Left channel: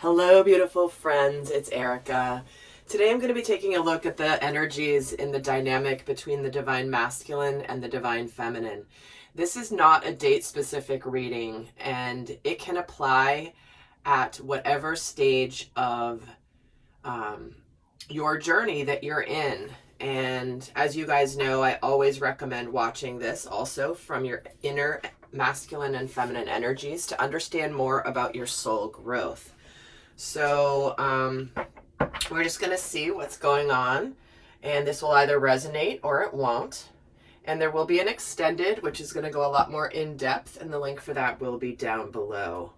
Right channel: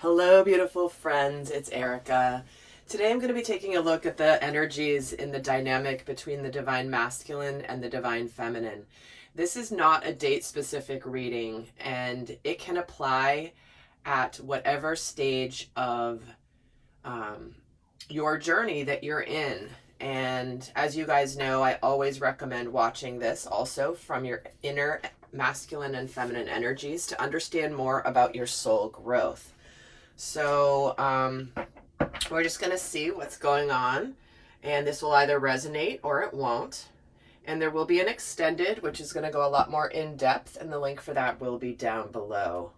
Hello, beautiful friends. It's Erika. Today I'm going to be taking a look at the energies in the dynamic between the divine masculine and the divine feminine. This is not a date-specific reading, and it can apply at whatever stage of your journey that you're in. And as you guys know, I always recommend watching this also from your inner masculine and feminine energies to understand more about your soul growth. So we're just going to see what's going on, and this will either resonate or it won't. And there will be an extended, which is going to go a lot more in depth, and the link for that will be down below.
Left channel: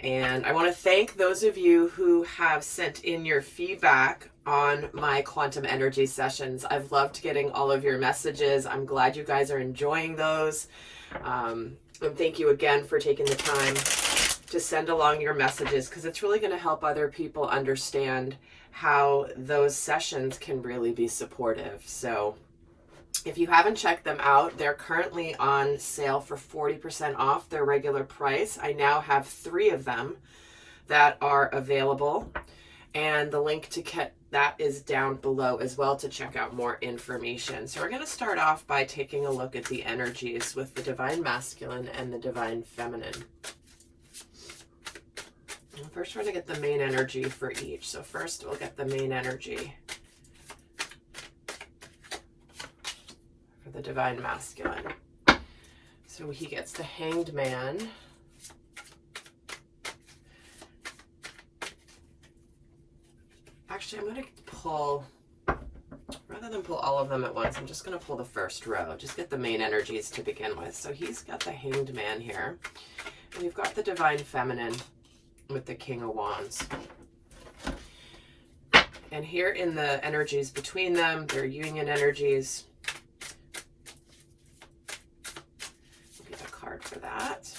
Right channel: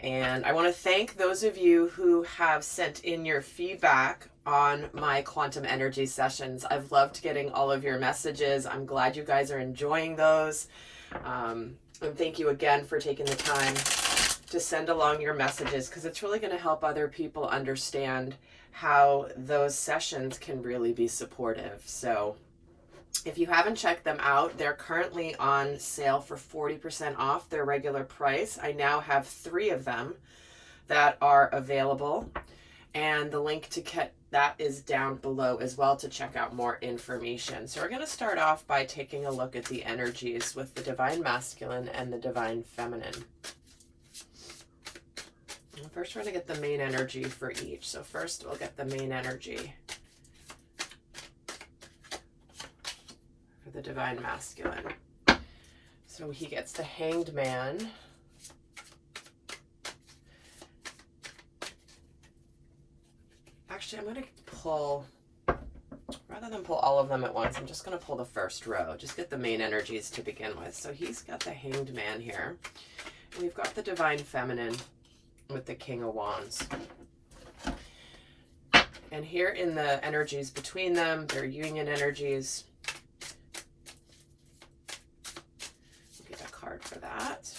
And I want to thank those of you who have sent in your feedback on my quantum energy sessions. I've loved getting all of your messages. I'm glad you guys are enjoying those. And thank you again for taking the time to send along your messages, because it's really going to help other people understand how those sessions can really be supportive. So if you haven't checked them out, they're currently on sale for 40% off their regular price. I now have 3 of them that are available, and the link to get that is down below as well to check out more information. So we're going to start off by taking a look at the energies with the divine masculine and the divine feminine. First, we're going to get the main energy for each. So first, we'll get the main energy for the divine masculine. So he gets the Hanged Man. Actually, I'm going to pull, rather than pull all of them at once, I'm just going to pull the first row. Just get the main energies to begin with. So he's got the Hanged Man here. And we've got the divine feminine with the King of Wands. And here in the energies between them, their union energies. We'll get a card for that.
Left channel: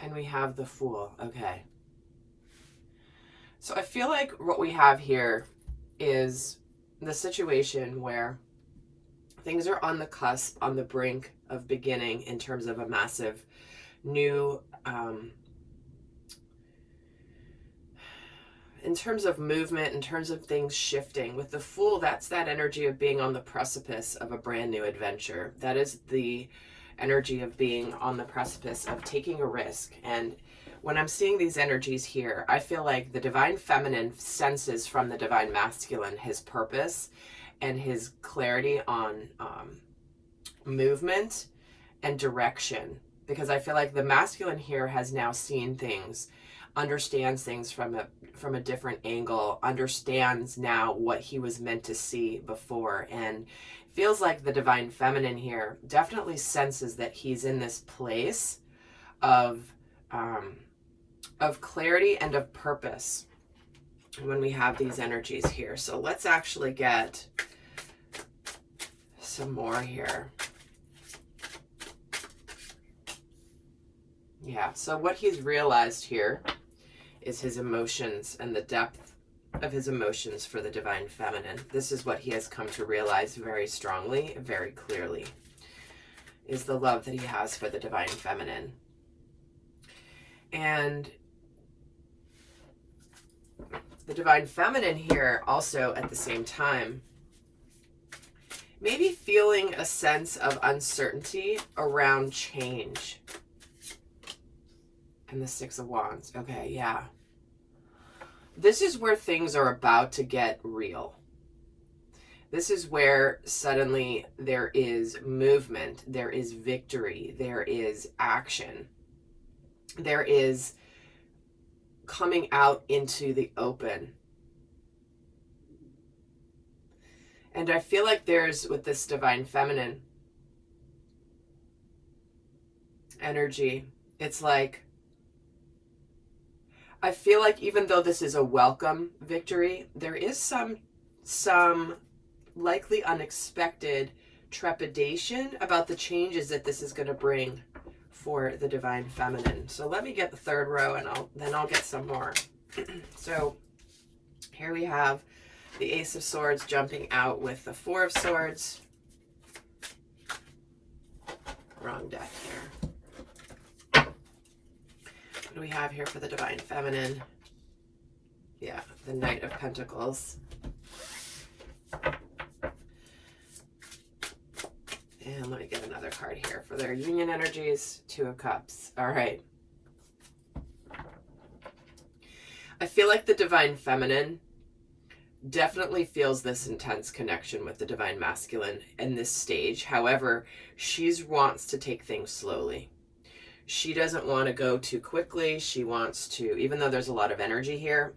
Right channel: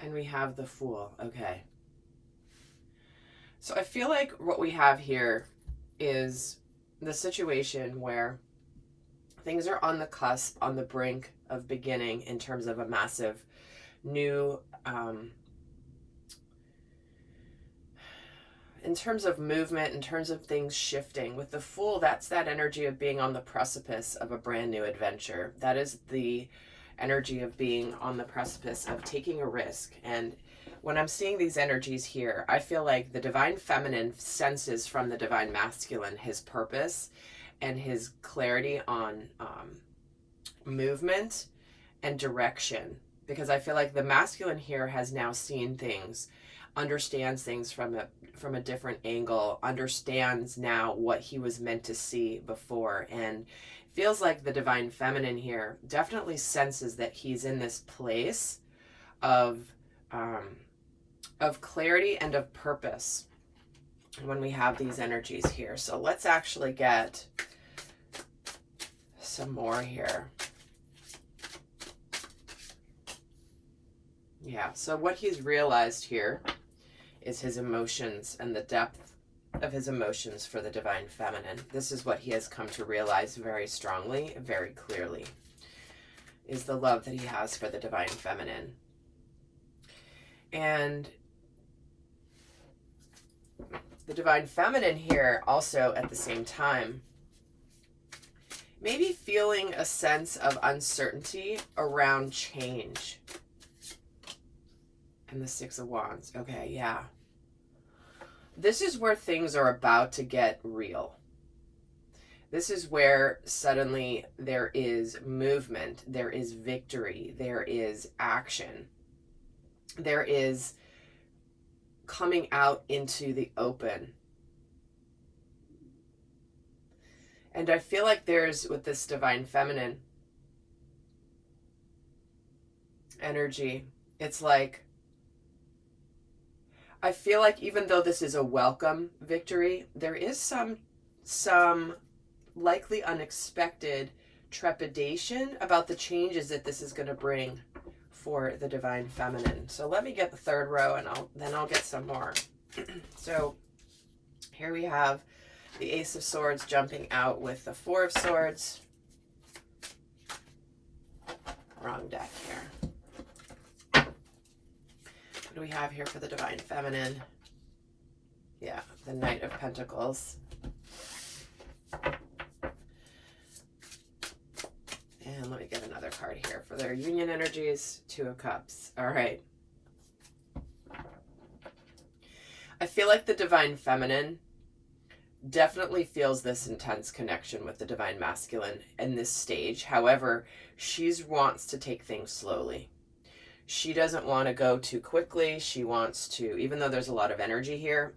And we have the Fool. Okay. So I feel like what we have here is the situation where things are on the cusp, on the brink of beginning in terms of a massive new in terms of movement, in terms of things shifting. With the Fool, that's that energy of being on the precipice of a brand new adventure. That is the energy of being on the precipice of taking a risk. And when I'm seeing these energies here, I feel like the divine feminine senses from the divine masculine his purpose and his clarity on movement and direction. Because I feel like the masculine here has now seen things, understands things from a different angle, understands now what he was meant to see before, and feels like the divine feminine here definitely senses that he's in this place of clarity and of purpose when we have these energies here. So let's actually get some more here. Yeah, so what he's realized here is his emotions and the depth of his emotions for the divine feminine. This is what he has come to realize very strongly, very clearly, is the love that he has for the divine feminine. And the divine feminine here also at the same time maybe feeling a sense of uncertainty around change. And the Six of Wands. Okay, yeah. This is where things are about to get real. This is where suddenly there is movement, there is victory, there is action. There is coming out into the open. And I feel like there's, with this divine feminine energy, it's like, I feel like even though this is a welcome victory, there is some likely unexpected trepidation about the changes that this is going to bring for the divine feminine. So let me get the third row, and then I'll get some more. So here we have the Ace of Swords jumping out with the Four of Swords. Wrong deck here. What do we have here for the divine feminine? Yeah, the Knight of Pentacles. And let me get another card here for their union energies. Two of Cups. All right. I feel like the Divine Feminine definitely feels this intense connection with the Divine Masculine in this stage. However, she wants to take things slowly. She doesn't want to go too quickly. She wants to, even though there's a lot of energy here,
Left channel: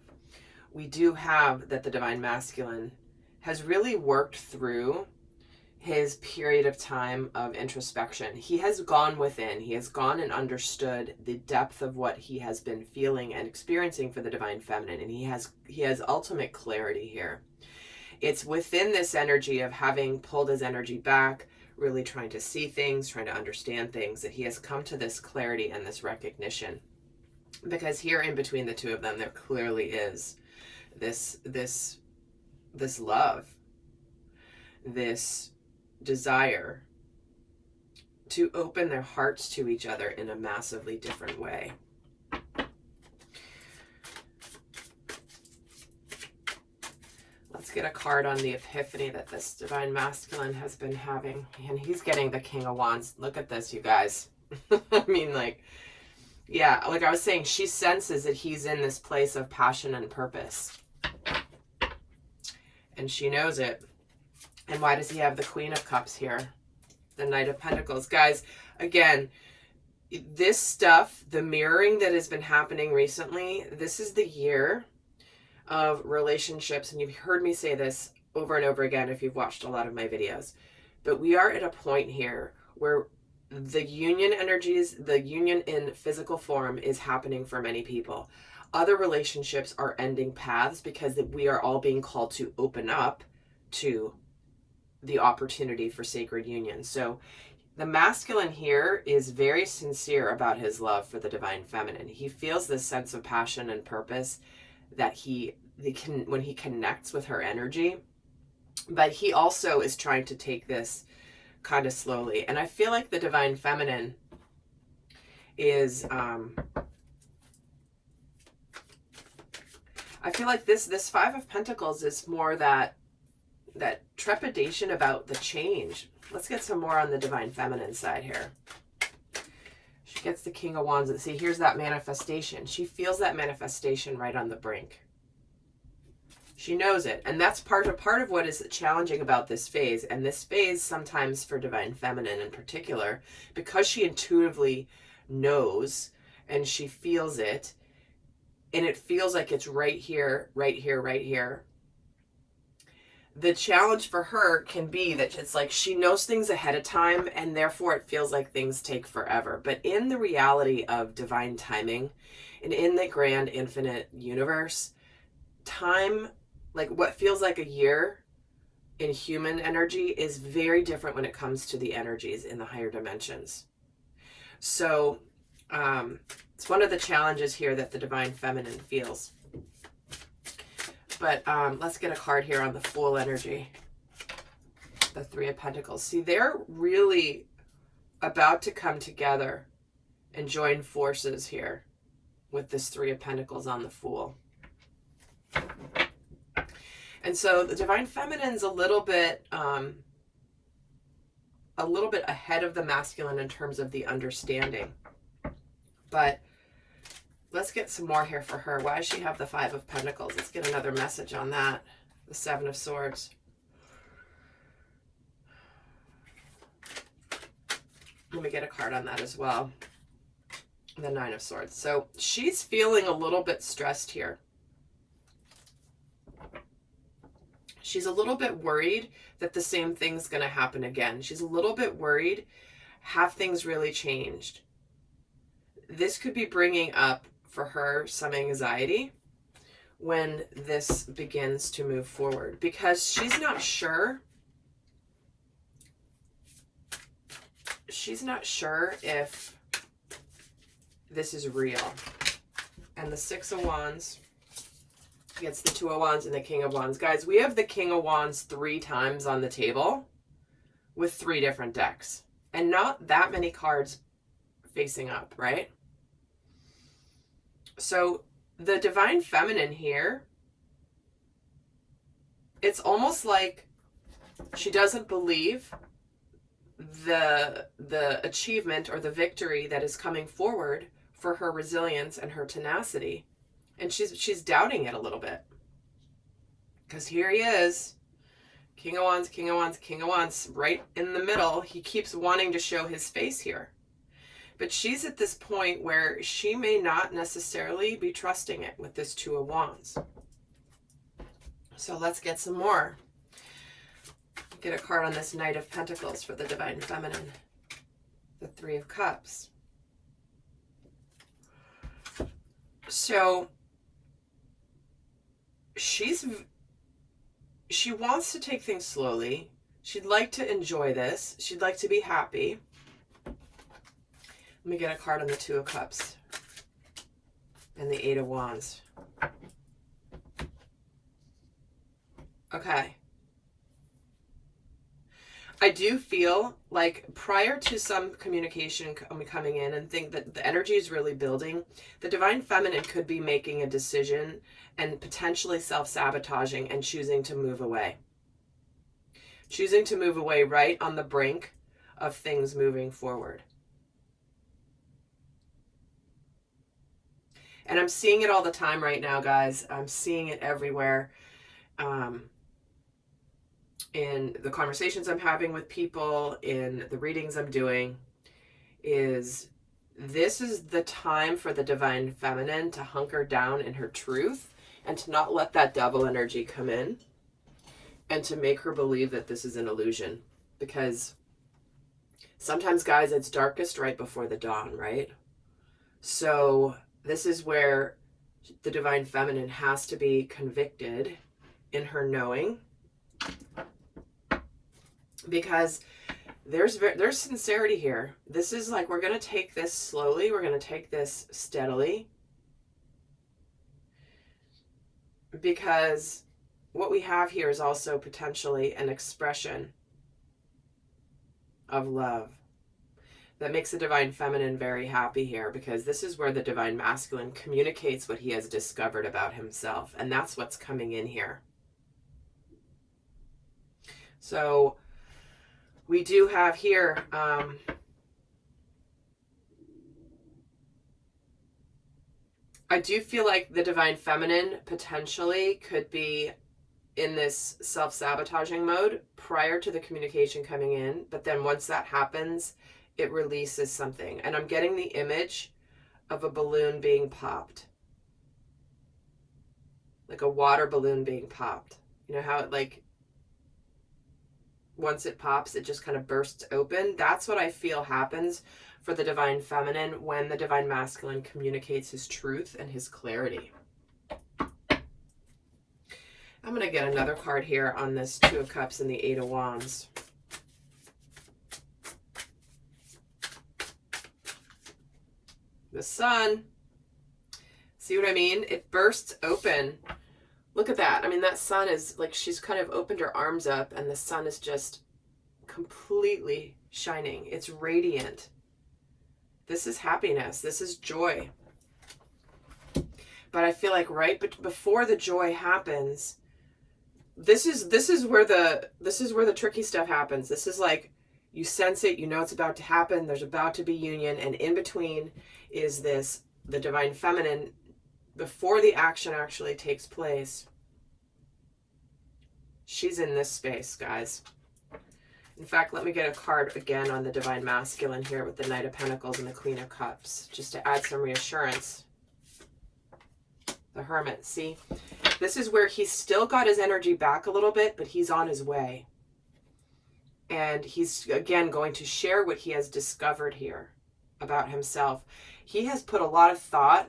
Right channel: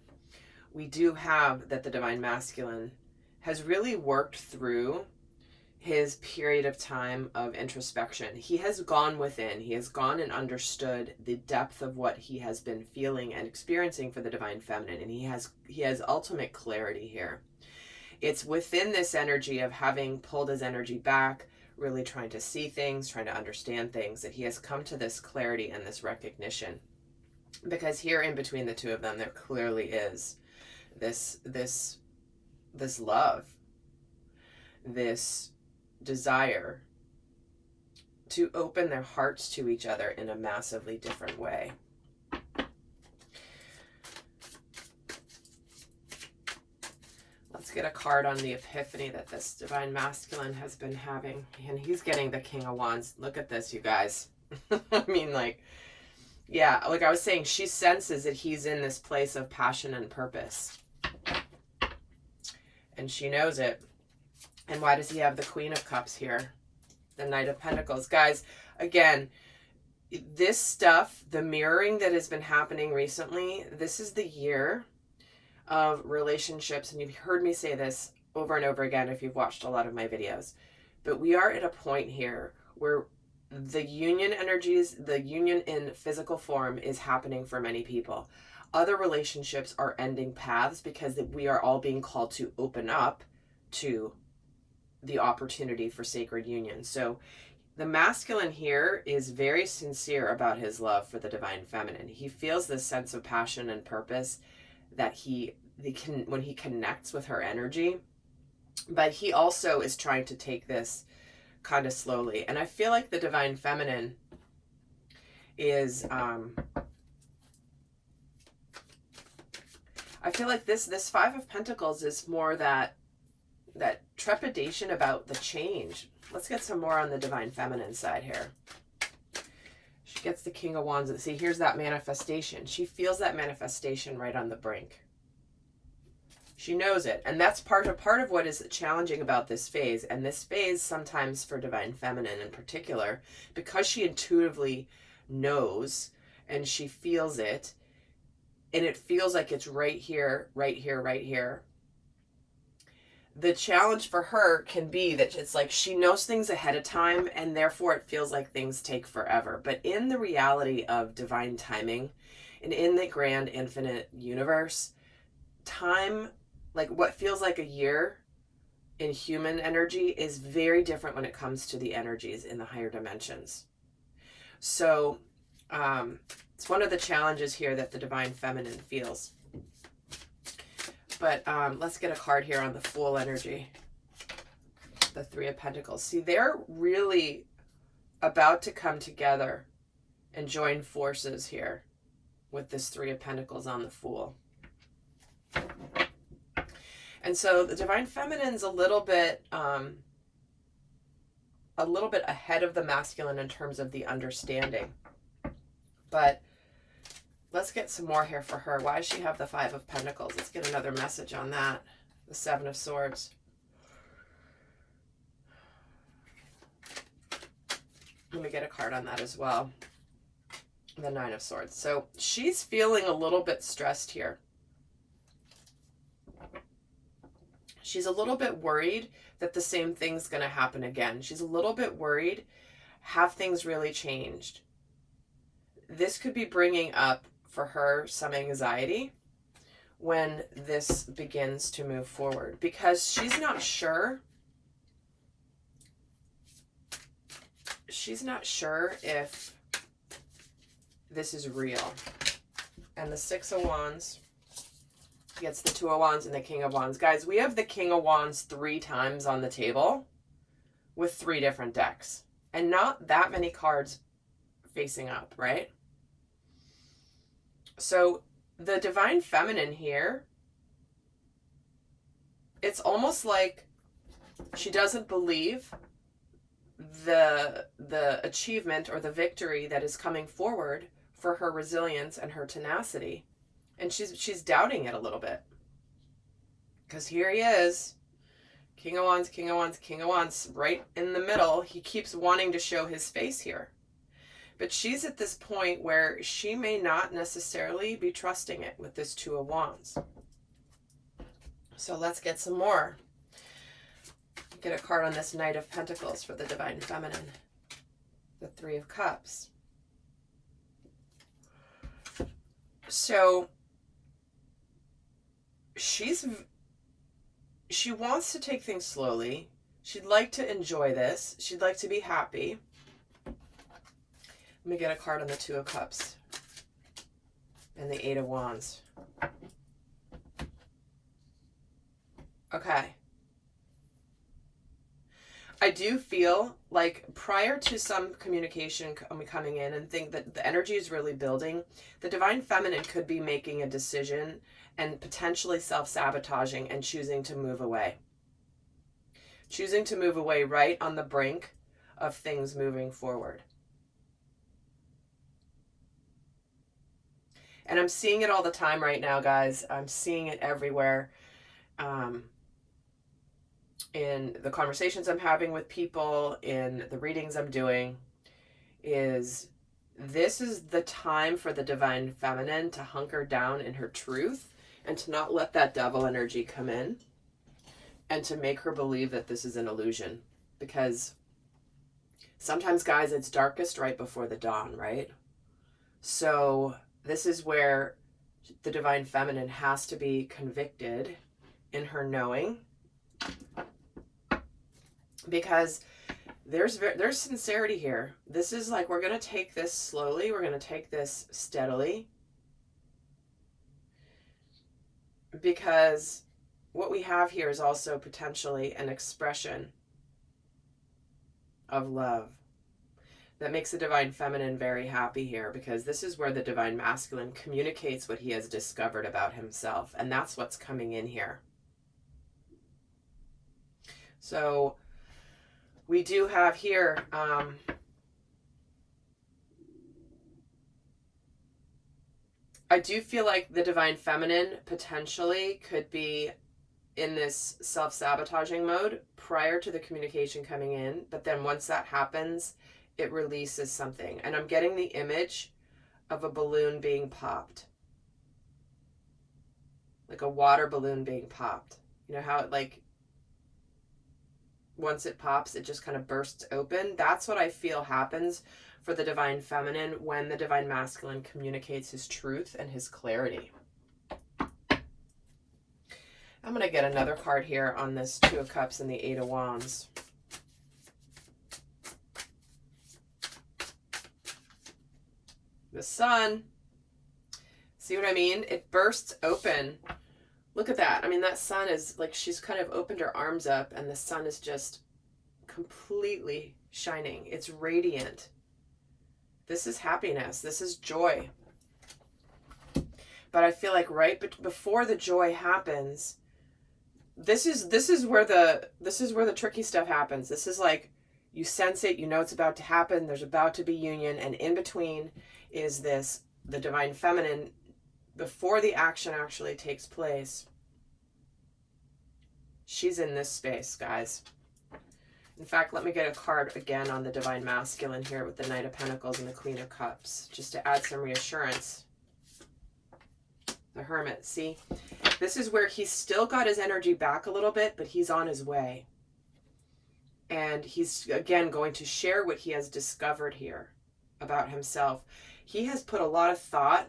we do have that the Divine Masculine has really worked through his period of time of introspection. He has gone within. He has gone and understood the depth of what he has been feeling and experiencing for the Divine Feminine. And he has ultimate clarity here. It's within this energy of having pulled his energy back, really trying to see things, trying to understand things, that he has come to this clarity and this recognition. Because here in between the two of them, there clearly is this love, this desire to open their hearts to each other in a massively different way. Let's get a card on the epiphany that this Divine Masculine has been having. And he's getting the King of Wands. Look at this, you guys. I mean, like, yeah, like I was saying, she senses that he's in this place of passion and purpose. And she knows it. And why does he have the Queen of Cups here? The Knight of Pentacles. Guys, again, this stuff, the mirroring that has been happening recently, this is the year of relationships. And you've heard me say this over and over again if you've watched a lot of my videos. But we are at a point here where the union energies, the union in physical form is happening for many people. Other relationships are ending paths because we are all being called to open up to the opportunity for sacred union. So the masculine here is very sincere about his love for the Divine Feminine. He feels this sense of passion and purpose that when he connects with her energy, but he also is trying to take this kind of slowly. And I feel like the Divine Feminine is I feel like this Five of Pentacles is more that trepidation about the change. Let's get some more on the Divine Feminine side here. She gets the King of Wands. See, here's that manifestation. She feels that manifestation right on the brink. She knows it. And that's part of what is challenging about this phase. And this phase sometimes for Divine Feminine in particular, because she intuitively knows and she feels it, and it feels like it's right here, right here, right here. The challenge for her can be that it's like she knows things ahead of time and therefore it feels like things take forever. But in the reality of divine timing and in the grand infinite universe, time, like what feels like a year in human energy, is very different when it comes to the energies in the higher dimensions. So it's one of the challenges here that the Divine Feminine feels. But let's get a card here on the Fool energy. The Three of Pentacles. See, they're really about to come together and join forces here with this Three of Pentacles on the Fool. And so the Divine Feminine's a little bit ahead of the masculine in terms of the understanding. But let's get some more here for her. Why does she have the Five of Pentacles? Let's get another message on that. The Seven of Swords. Let me get a card on that as well. The Nine of Swords. So she's feeling a little bit stressed here. She's a little bit worried that the same thing's going to happen again. She's a little bit worried. Have things really changed? This could be bringing up for her some anxiety when this begins to move forward, because she's not sure. She's not sure if this is real. And the Six of Wands gets the Two of Wands and the King of Wands. Guys, we have the King of Wands 3 times on the table with 3 different decks. And not that many cards facing up, right? So the Divine Feminine here it's almost like she doesn't believe the achievement or the victory that is coming forward for her resilience and her tenacity. And she's doubting it a little bit. Because here he is, King of Wands, King of Wands, King of Wands, right in the middle. He keeps wanting to show his face here. But she's at this point where she may not necessarily be trusting it with this Two of Wands. So let's get some more. Get a card on this Knight of Pentacles for the Divine Feminine. The Three of Cups. So she wants to take things slowly. She'd like to enjoy this. She'd like to be happy. Let me get a card on the Two of Cups and the Eight of Wands. Okay. I do feel like prior to some communication coming in and think that the energy is really building, the Divine Feminine could be making a decision and potentially self-sabotaging and choosing to move away. Choosing to move away right on the brink of things moving forward. And I'm seeing it all the time right now, guys. I'm seeing it everywhere. In the conversations I'm having with people, in the readings I'm doing, is this is the time for the Divine Feminine to hunker down in her truth and to not let that devil energy come in and to make her believe that this is an illusion. Because sometimes, guys, it's darkest right before the dawn, right? So this is where the Divine Feminine has to be convicted in her knowing, because there's sincerity here. This is like, we're going to take this slowly. We're going to take this steadily. Because what we have here is also potentially an expression of love that makes the Divine Feminine very happy here, because this is where the Divine Masculine communicates what he has discovered about himself. And that's what's coming in here. So we do have here, I do feel like the Divine Feminine potentially could be in this self-sabotaging mode prior to the communication coming in. But then once that happens, it releases something. And I'm getting the image of a balloon being popped. Like a water balloon being popped. You know how it, like, once it pops, it just kind of bursts open. That's what I feel happens for the Divine Feminine when the Divine Masculine communicates his truth and his clarity. I'm going to get another card here on this Two of Cups and the Eight of Wands. The Sun. See what I mean? It bursts open. Look at that. I mean, that sun is like, she's kind of opened her arms up and the sun is just completely shining. It's radiant. This is happiness. This is joy. But I feel like right before the joy happens, this is where the tricky stuff happens. This is like, you sense it, you know it's about to happen, there's about to be union, and in between is this, the Divine Feminine, before the action actually takes place. She's in this space, guys. In fact, let me get a card again on the Divine Masculine here with the Knight of Pentacles and the Queen of Cups, just to add some reassurance. The Hermit, see? This is where he's still got his energy back a little bit, but he's on his way. And he's, again, going to share what he has discovered here about himself. He has put a lot of thought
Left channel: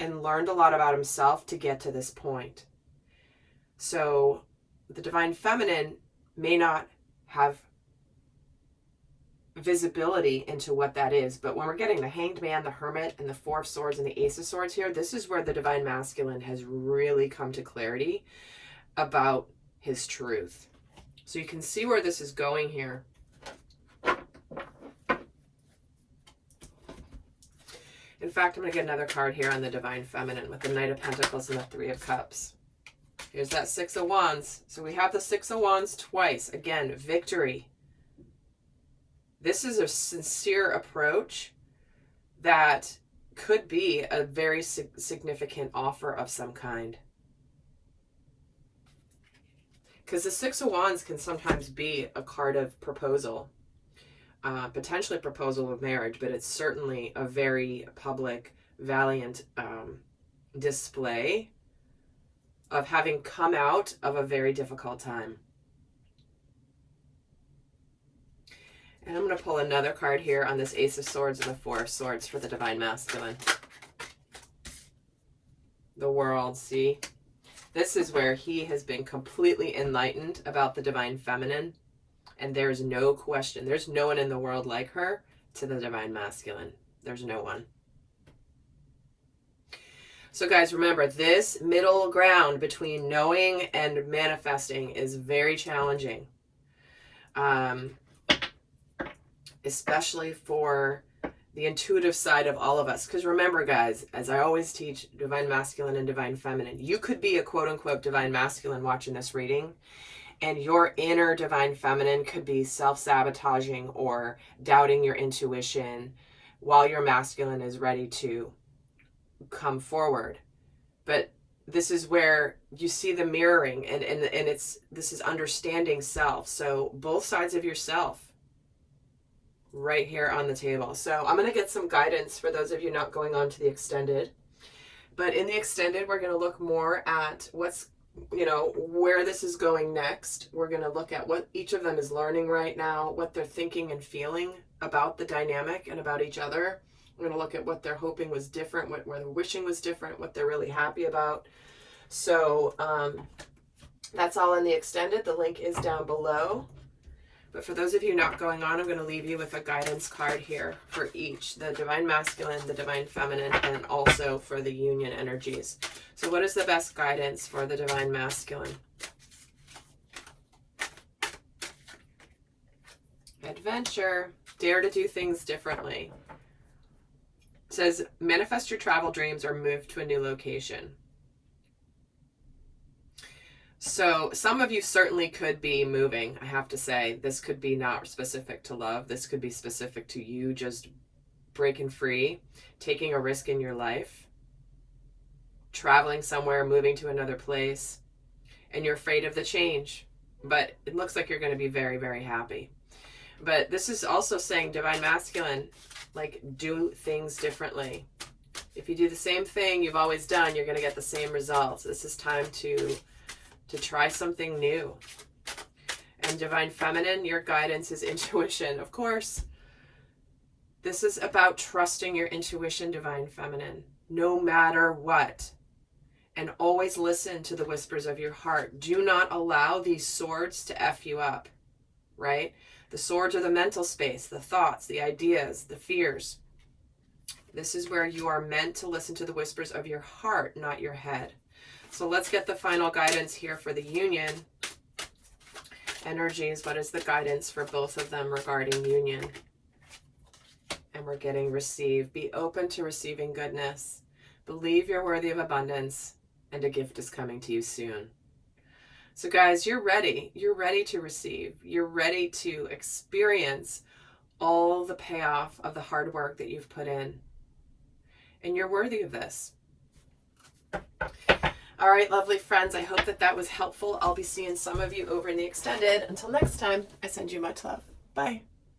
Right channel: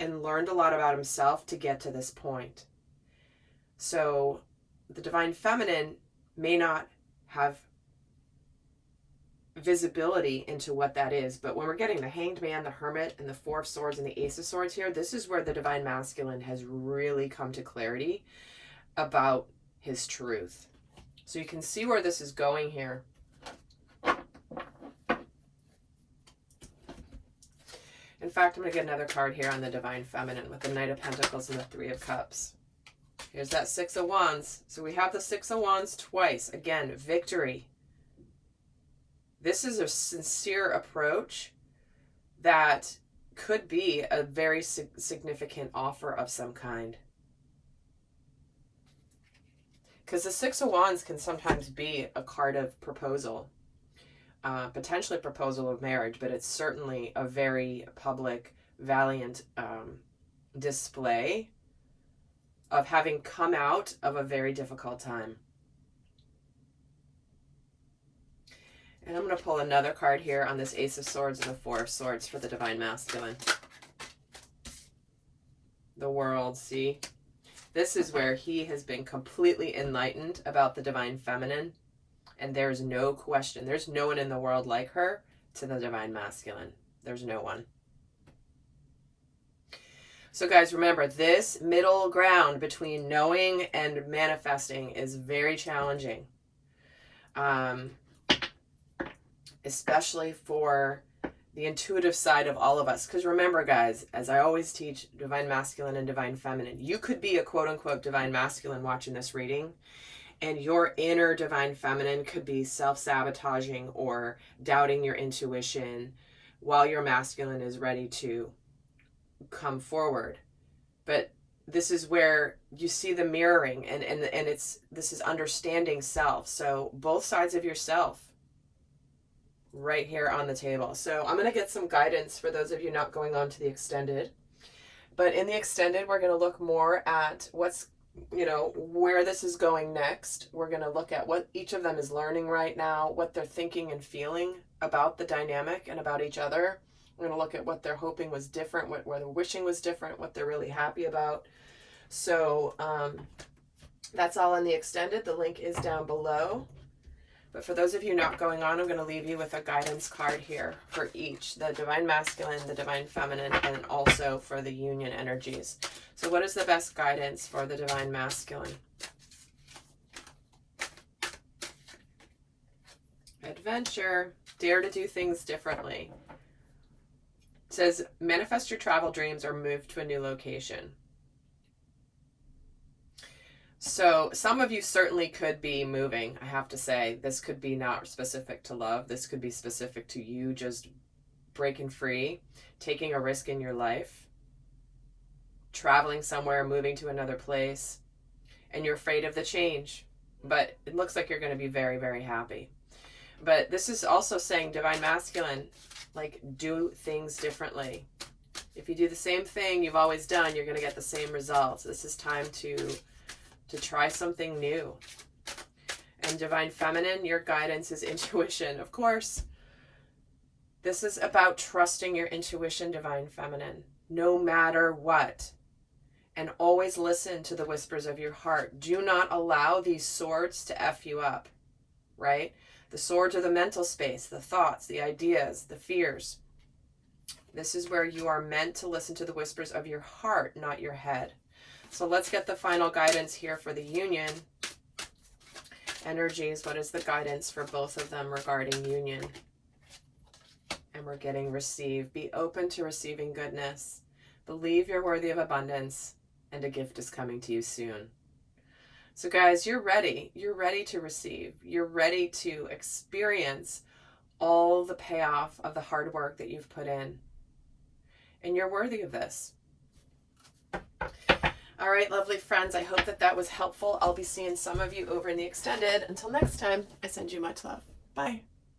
and learned a lot about himself to get to this point. So the Divine Feminine may not have visibility into what that is, but when we're getting the Hanged Man, the Hermit, and the Four of Swords and the Ace of Swords here, this is where the Divine Masculine has really come to clarity about his truth. So you can see where this is going here. In fact, I'm going to get another card here on the Divine Feminine with the Knight of Pentacles and the Three of Cups. Here's that Six of Wands. So we have the Six of Wands twice. Again, victory. This is a sincere approach that could be a very significant offer of some kind. Because the Six of Wands can sometimes be a card of proposal. Potentially proposal of marriage, but it's certainly a very public, valiant display of having come out of a very difficult time. And I'm going to pull another card here on this Ace of Swords and the Four of Swords for the Divine Masculine. The World, see? This is where he has been completely enlightened about the Divine Feminine. And there's no question. There's no one in the world like her to the Divine Masculine. There's no one. So guys, remember, this middle ground between knowing and manifesting is very challenging. Especially for the intuitive side of all of us. Because remember, guys, as I always teach, Divine Masculine and Divine Feminine, you could be a quote-unquote Divine Masculine watching this reading, and your inner Divine Feminine could be self-sabotaging or doubting your intuition while your masculine is ready to come forward. But this is where you see the mirroring, and this is understanding self. So both sides of yourself right here on the table. So I'm going to get some guidance for those of you not going on to the extended. But in the extended, we're going to look more at what's, where this is going next. We're going to look at what each of them is learning right now, what they're thinking and feeling about the dynamic and about each other. We're going to look at what they're hoping was different, what they're wishing was different, what they're really happy about. So that's all in the extended. The link is down below. But for those of you not going on, I'm going to leave you with a guidance card here for each, the Divine Masculine, the Divine Feminine, and also for the union energies. So what is the best guidance for the Divine Masculine? Adventure. Dare to do things differently. It says, manifest your travel dreams or move to a new location. So some of you certainly could be moving, I have to say. This could be not specific to love. This could be specific to you just breaking free, taking a risk in your life, traveling somewhere, moving to another place, and you're afraid of the change. But it looks like you're going to be very, very happy. But this is also saying, Divine Masculine, like, do things differently. If you do the same thing you've always done, you're going to get the same results. This is time to try something new. And Divine Feminine, your guidance is intuition. Of course, this is about trusting your intuition, Divine Feminine, no matter what. And always listen to the whispers of your heart. Do not allow these swords to F you up, right? The swords are the mental space, the thoughts, the ideas, the fears. This is where you are meant to listen to the whispers of your heart, not your head. So let's get the final guidance here for the union energies. What is the guidance for both of them regarding union? And we're getting receive. Be open to receiving goodness. Believe you're worthy of abundance, and a gift is coming to you soon. So guys, you're ready. You're ready to receive. You're ready to experience all the payoff of the hard work that you've put in. And you're worthy of this. All right, lovely friends, I hope that was helpful. I'll be seeing some of you over in the extended. Until next time, I send you much love. Bye.